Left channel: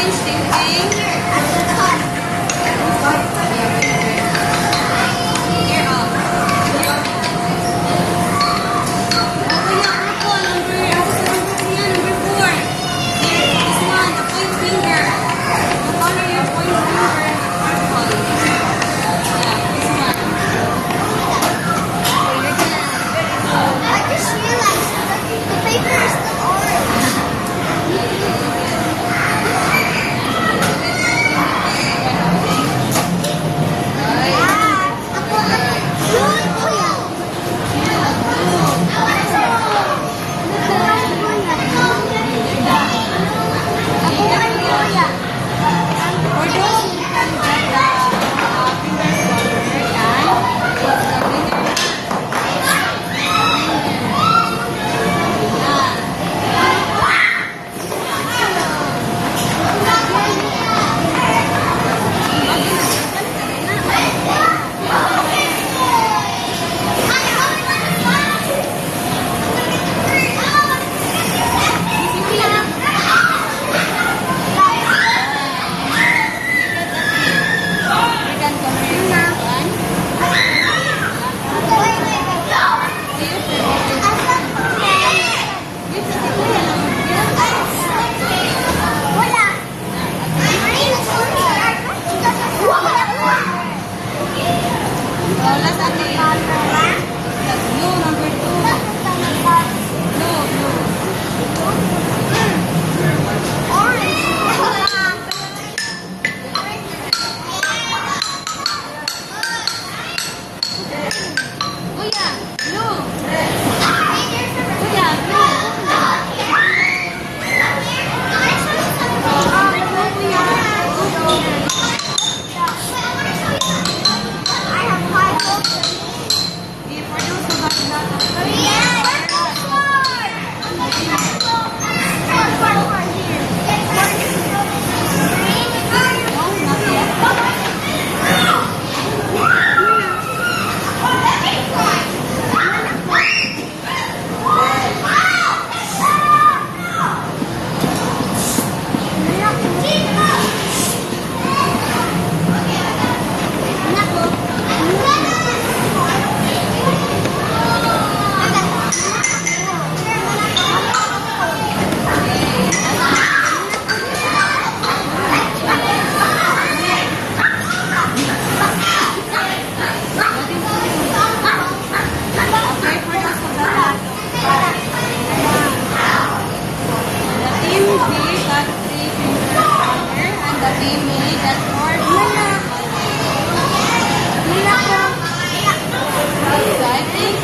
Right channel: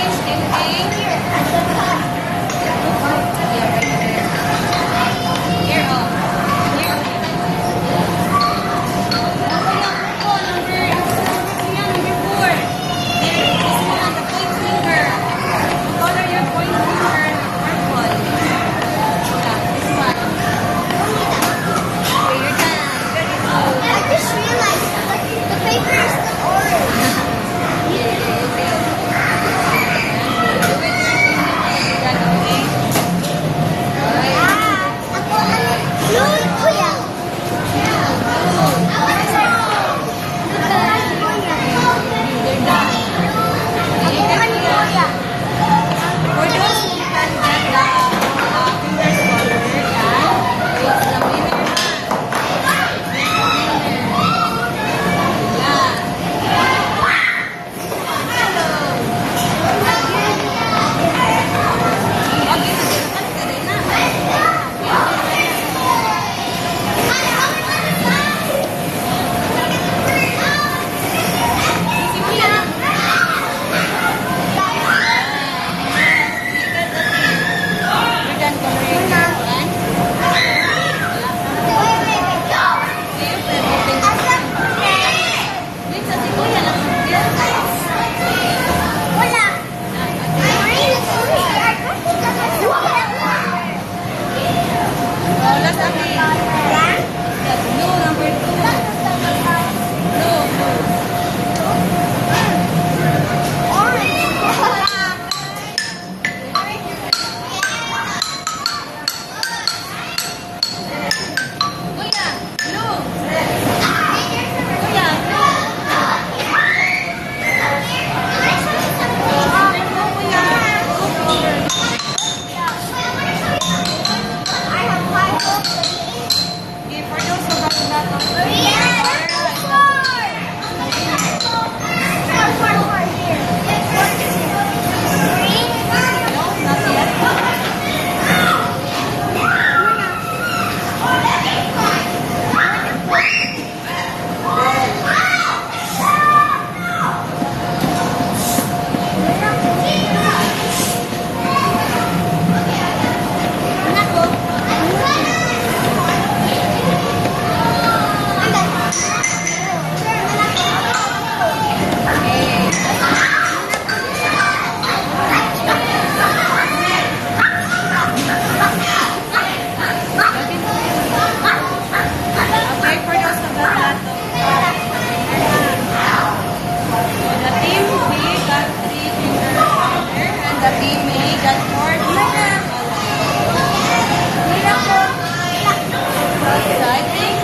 Philippines team A. At the top. Here, oh. Kuya, purple, number 4. This one, the point finger. The color your point finger, purple. Yeah, this one. I just realized the paper is still orange. For those who can get the fingers color, it's the winner. Then color your first one. Last natin. Blue, number 2. Blue. Kuya, blue. Kuya, blue. I have five books. Okay, for those who got that of Four here. Four is here. no, not yet. Okay, for those who got that the team B got 3 finger color and the team A got 4 finger color. So I think